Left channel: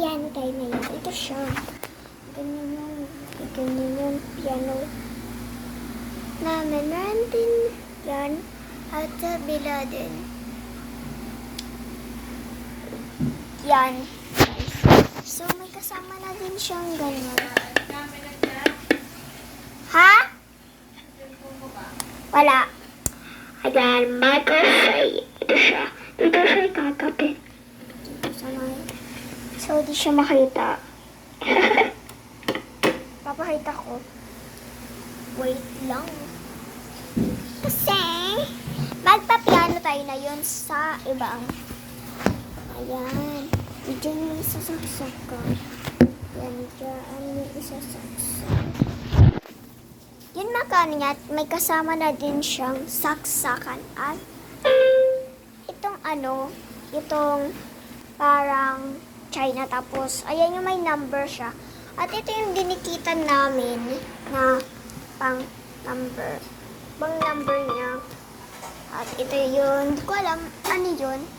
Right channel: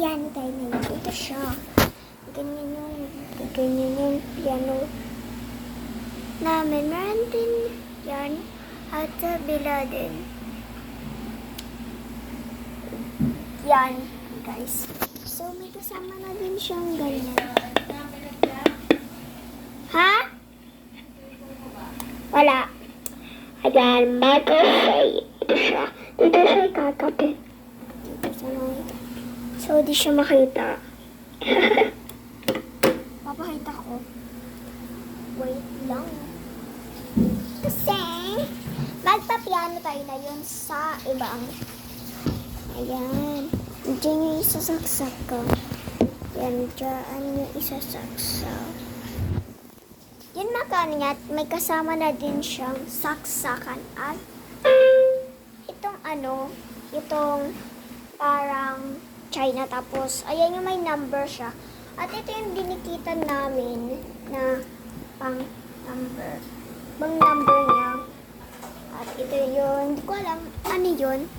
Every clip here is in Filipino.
piano tayo na yun. Ito siya. Ganyan yung piano namin. Meron din yan. At sa bila din. Yan. Guys. So, may kasama na din siyang ganyan. Ha? Wala. Ayan, microphone. Ito siya. Dito siya ikakapit. Dito sa mga. So, di siya makita. Papakita ko. Wait lang. Kasi, magpa-piano tayo na yun sa ibang. Ayan. Diyan yung isasaksak ko. Yan, dyan yung isasaksak. Yun makano niya, may kasama na din siyang saksakan at itong ano, itong parang China tapos, ayan yung may number siya. At ito yung dinikitan namin na pang number. Bang number niya. At ito yung, hindi ko alam, ano yun.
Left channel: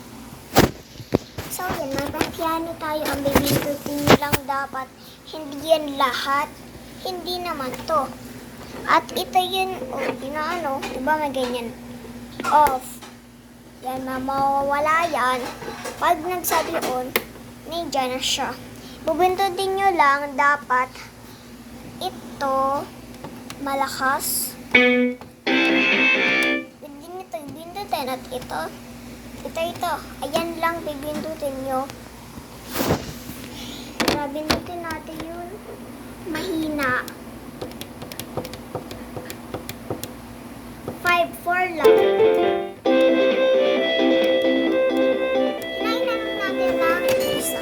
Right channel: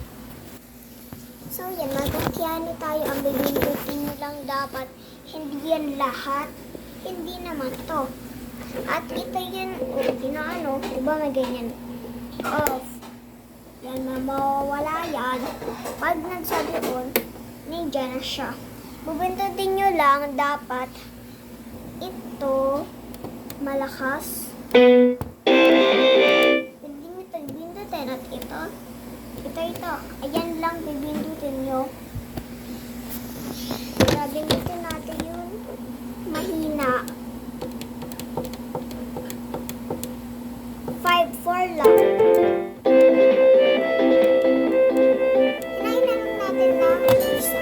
So, yan, magpa-piano tayo. Ang bibindutin nyo lang dapat. Hindi yan lahat. Hindi naman to. At ito yun, ano, diba may ganyan? Off. Yan, mawawala yan. Pag nagsabi ko, nandiyan na siya. Bubindutin nyo lang dapat ito malakas. Bindutin at ito. Ito. Ayan lang bibindutin nyo. Bindutin natin yun. Mahina. 5-4 lang. Hinahin lang natin ng isa.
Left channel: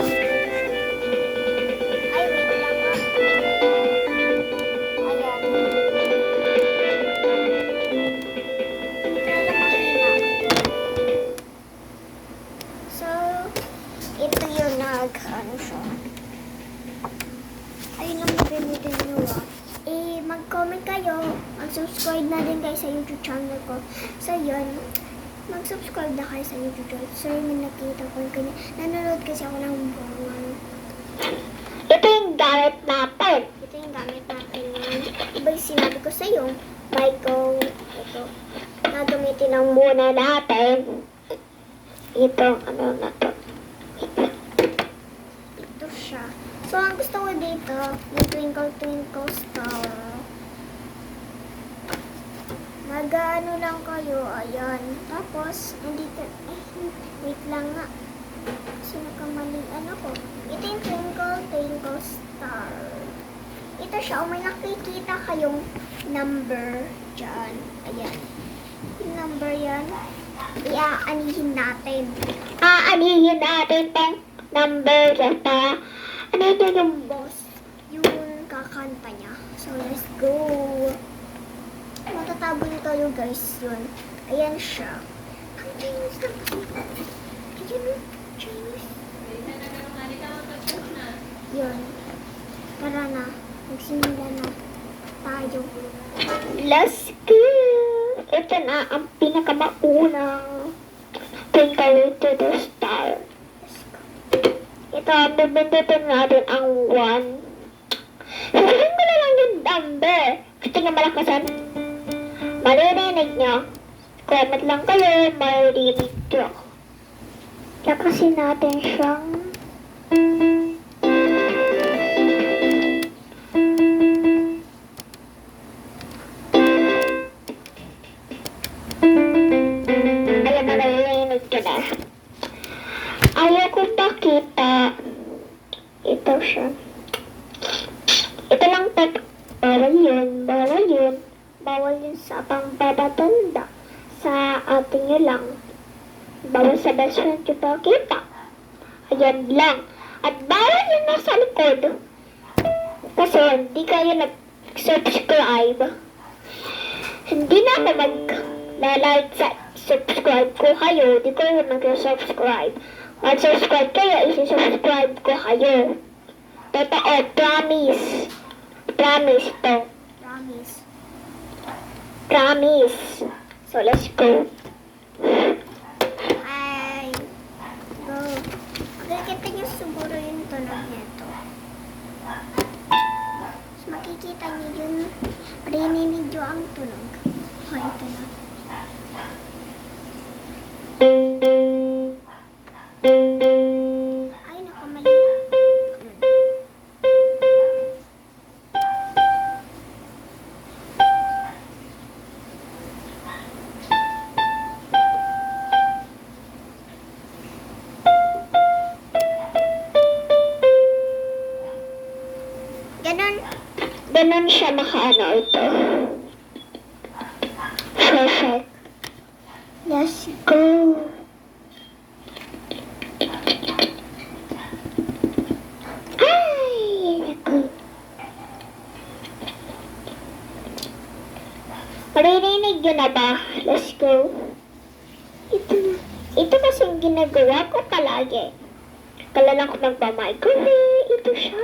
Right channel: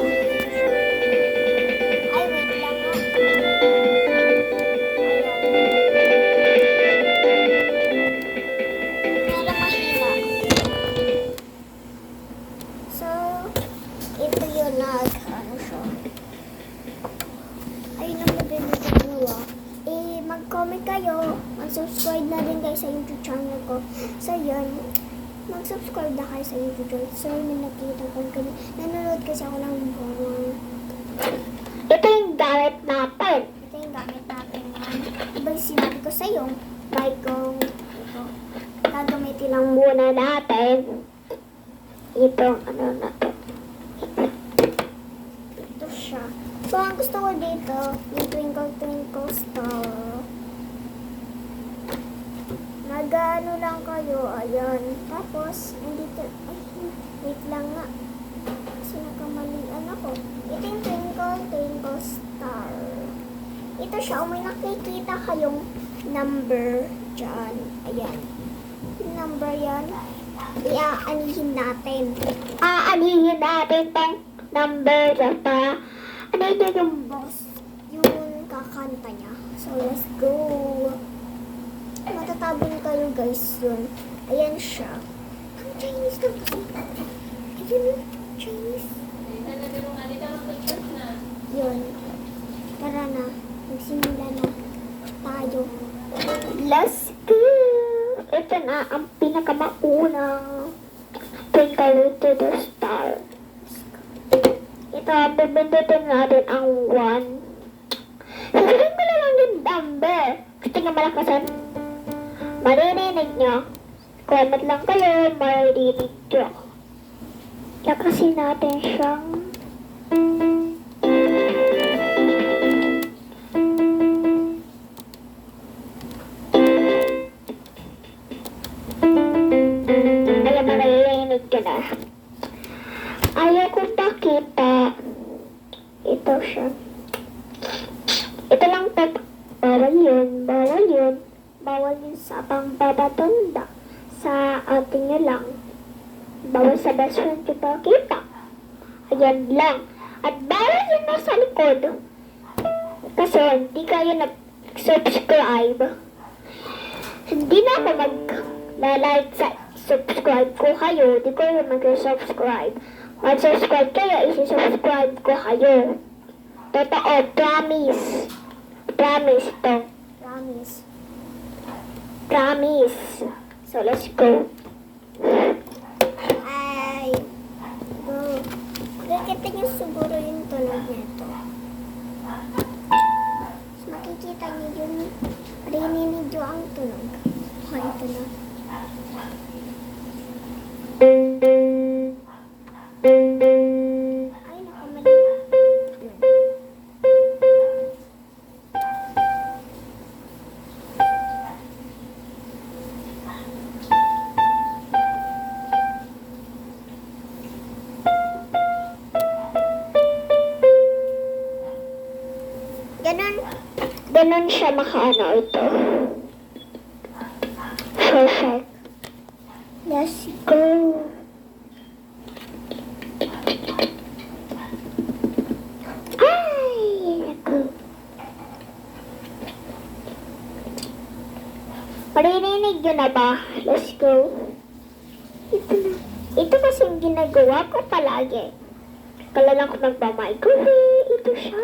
Ay, wait lang ha. Ayan. Kaya mahina. So, ito yun ano siya. Ayun lang mabinutin nyo mag-comment kayo. Mag-subscribe na din guys sa YouTube channel ko. So, yun. Mag-subscribe na kayo sa YouTube channel. So, yun nakita ko kanya. Nanonood kasi ako ng buwan. Ito yung gamit natin. Iba yung sinabi ko sa'yo. Michael. Ito. Gagamitin lang muna natin. Ito. Ano na to? Ito siya. So, ang gusto ko dito, yung Twinkle Twinkle Star. Mag-ano lang kayo, ayan. Tapos, nandito, wait lang nga. Kasi nakamalian ako. Ito yung Twinkle Twinkle Star. Ito siya, may nakikita kayong number dyan. Ayan. Yung number yan, iaanihin natin. Aanihin natin yung number dyan para ano yung boss, yung kakanta niya. So, let's go. Matatabon kayo guys yun. Ayan siya. Ang Chinese na kasi. Ayun, Chinese. Yun. Tara na. Magsimula na tayo. Let's go! Ito na ang pinakamaunang Twinkle to the Star. Ito, bibindutin natin ang 1. Sabihin mo na lang yung number. Gusto niya malakasan. Maririnig niyo. Comment lang kayo, maririnig niyo. Lakasin natin siyang maririnig niyo na. Ayaw kong pakita. Ito siya. Ito lang bawal yun. Bawal yun sa pangbabatanda. Sa atin nyo lang. Bawal sa best friend yung pakita. Ayan lang. At bawal yun nasa likod. Kasi hindi kayo nag-subscribe. Hindi na ako mag-like sa subscribe ko kayo. Hindi ko na mag-subscribe. Mag-subscribe kayo, isi-subscribe ko kayo. Totoo, promise. Promise to. Promise. So, let's go. Ay. Go. Magkakita niyo siguro yung tunog niya. ganun siya makaano ito. Perfect. Let's go. Ay, ako. Maririnig yun na ba? Let's go. Ito kasi yung ginagawa ko palagi. Kala lang ko magmamicrowave. Ito siya.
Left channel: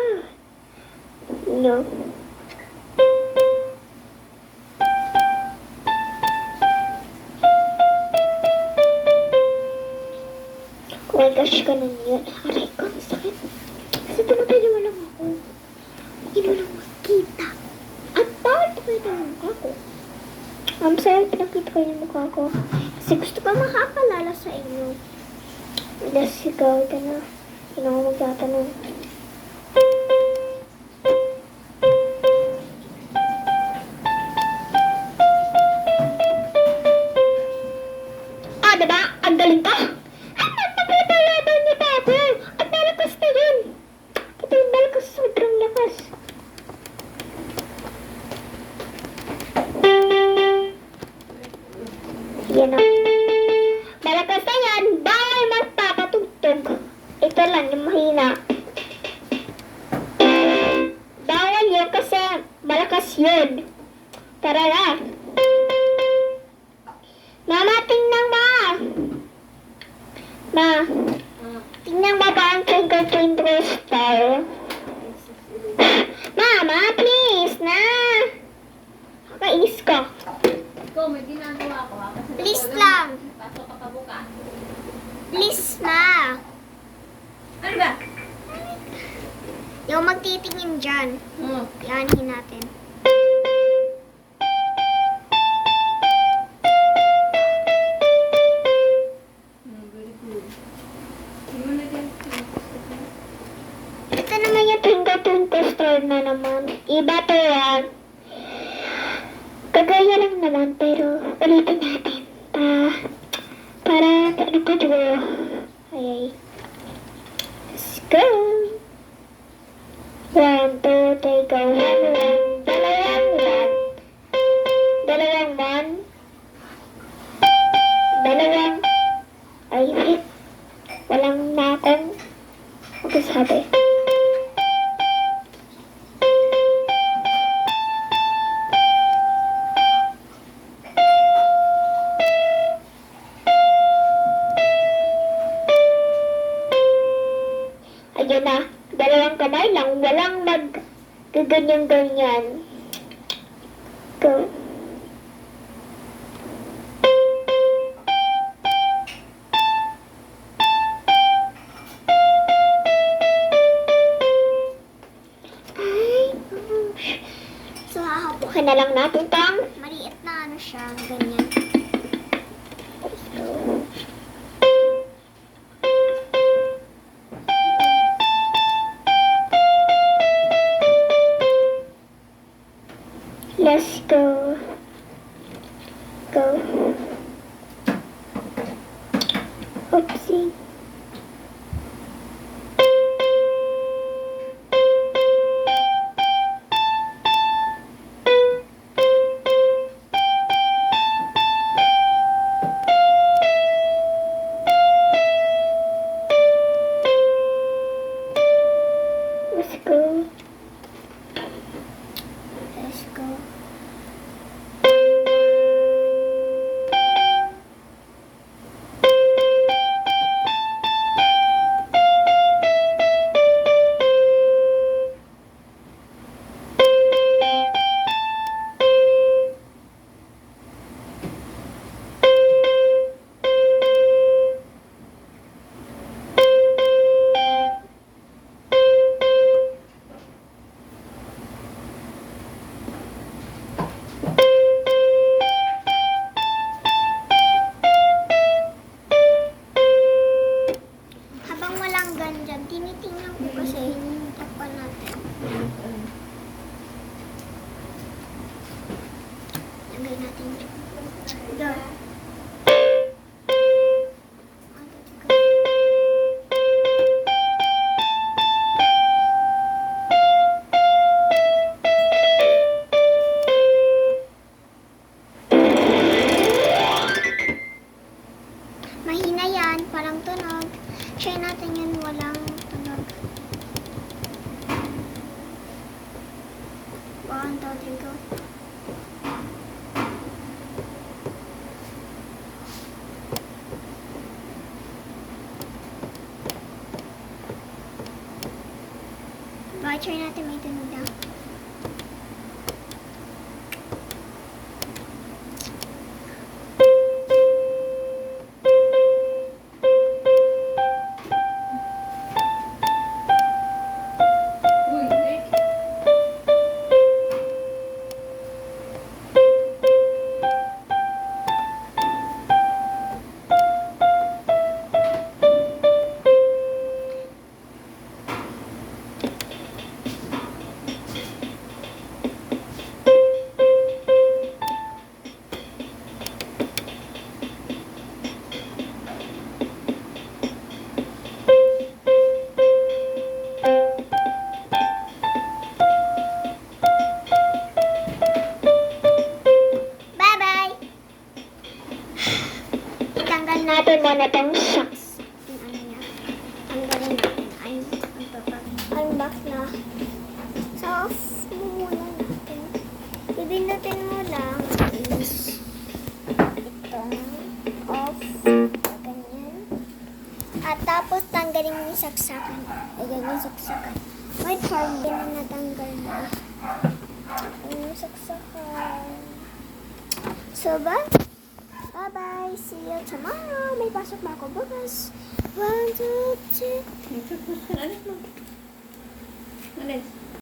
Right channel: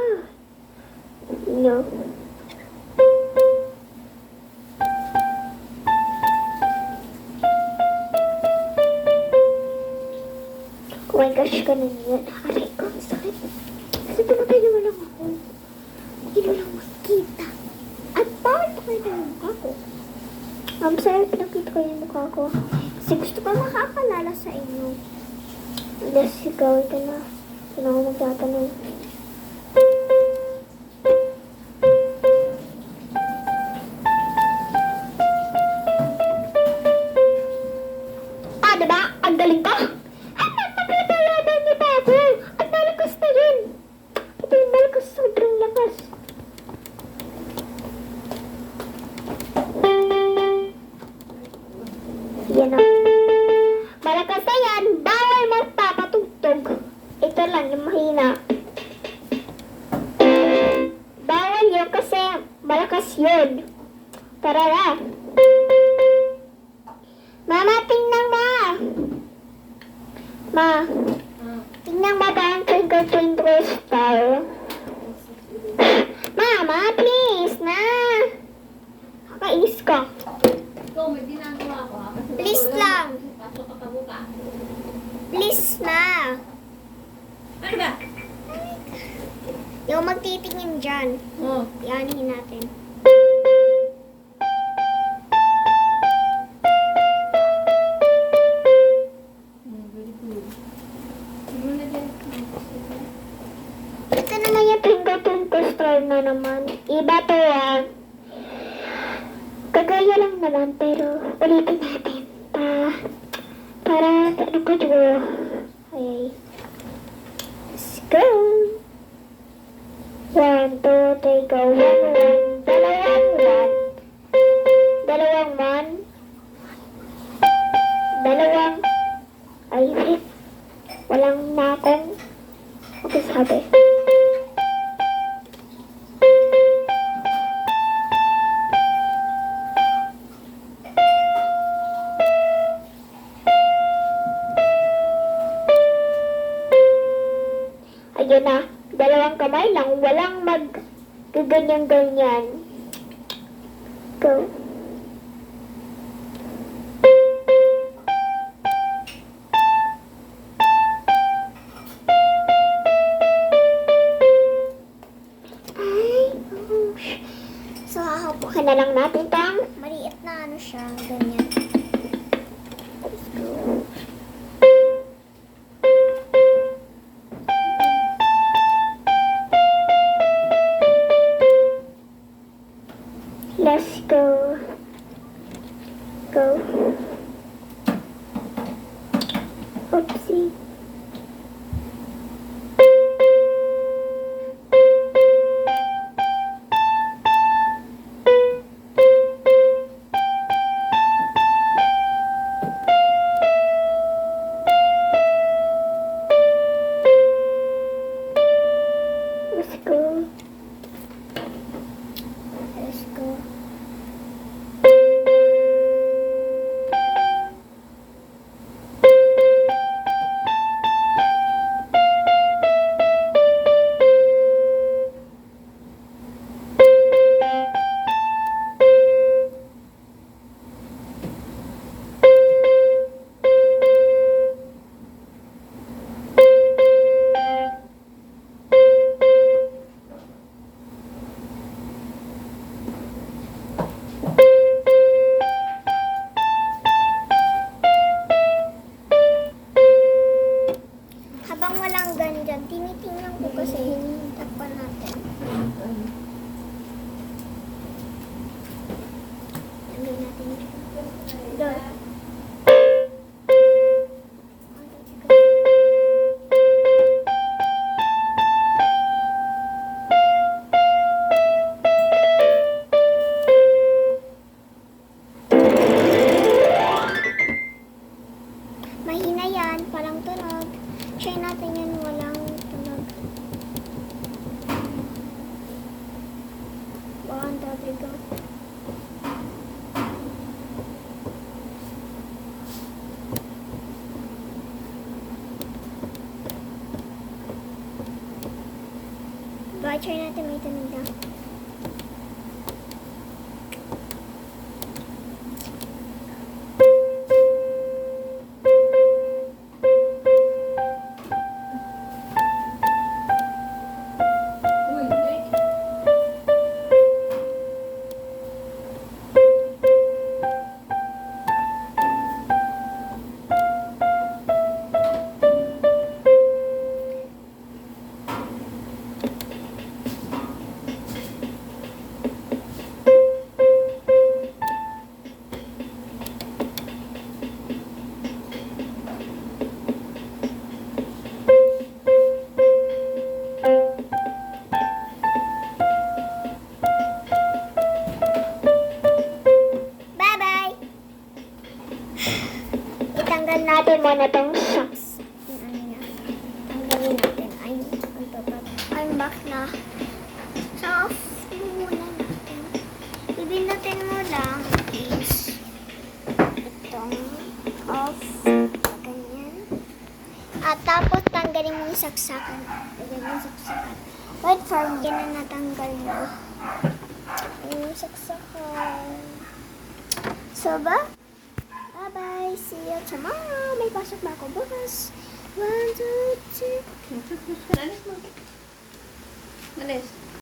No. Oh my gosh, ganun yun. Aray ko, ang sakit. Kasi tumatay mo lang ako. Hindi mo lang makita. At bakit tumatay mo ako? I'm sorry, pinakita ko yung mukha ko. Kasi gusto ko makakalala sa inyo. Let's go. Ito na. Hindi ako magtatanong. Ah, diba? Ang galing ko. Ang napapalaban niya pa ako. Ang malakas na yun. Ito yung malakas. Sobrang lakas. Yan na. Malakas na yan. Bawal magpapatugtog. Ito lang yung mahina. Bawal yun kasi malakas yun. Tara na. Mama, tingnan mo. Ma, tingnan mo ba ang Twinkle Twinkle Star? Mama, please na. Kainis ka. Ikaw, may ginagawa ko ha. Kasi Please ikaw lang. Pasok ka pa bukas. Please na. Ano ba? Yung magtitingin dyan. Oo. Pianihin natin. Very good. Ano na din? Ito naman yung Twinkle Twinkle Star na naman. Iba to yan. Kagaya lang naman, pero ulitin natin. Para ano pa dito. Ay. Let's go. 1, 2, 3, go. Dalawang man. Dalawang. Ay, wait. Walang natin. Okay, sabi. Ayun na. Dalawang kamay lang. Walang ganyan-ganyan. Go. Ay, gosh. So, hahapukin na lang natin tang maliit na ano siya. Ganyan. Let's go. Let's go. Go. Oopsie. Let's go. Let's go. Baka try natin may tunog daw. Uy, wait. Bye-bye! Itanggal natin muna itong shocks. Yung ano niya. Tanggalin natin. Ay, unbox na. So, off muna natin. Bibinutin mo lang is itong off. Ganyan. At tapos tanggalin mo yung saksakan. Ganyan yung saksakan. Wait for me na natanggal mo. Yung saksakan. So ba? Bye-bye. See you tomorrow. May pasok ba ako bukas? 1, 2, 3. Alis mo. Alis.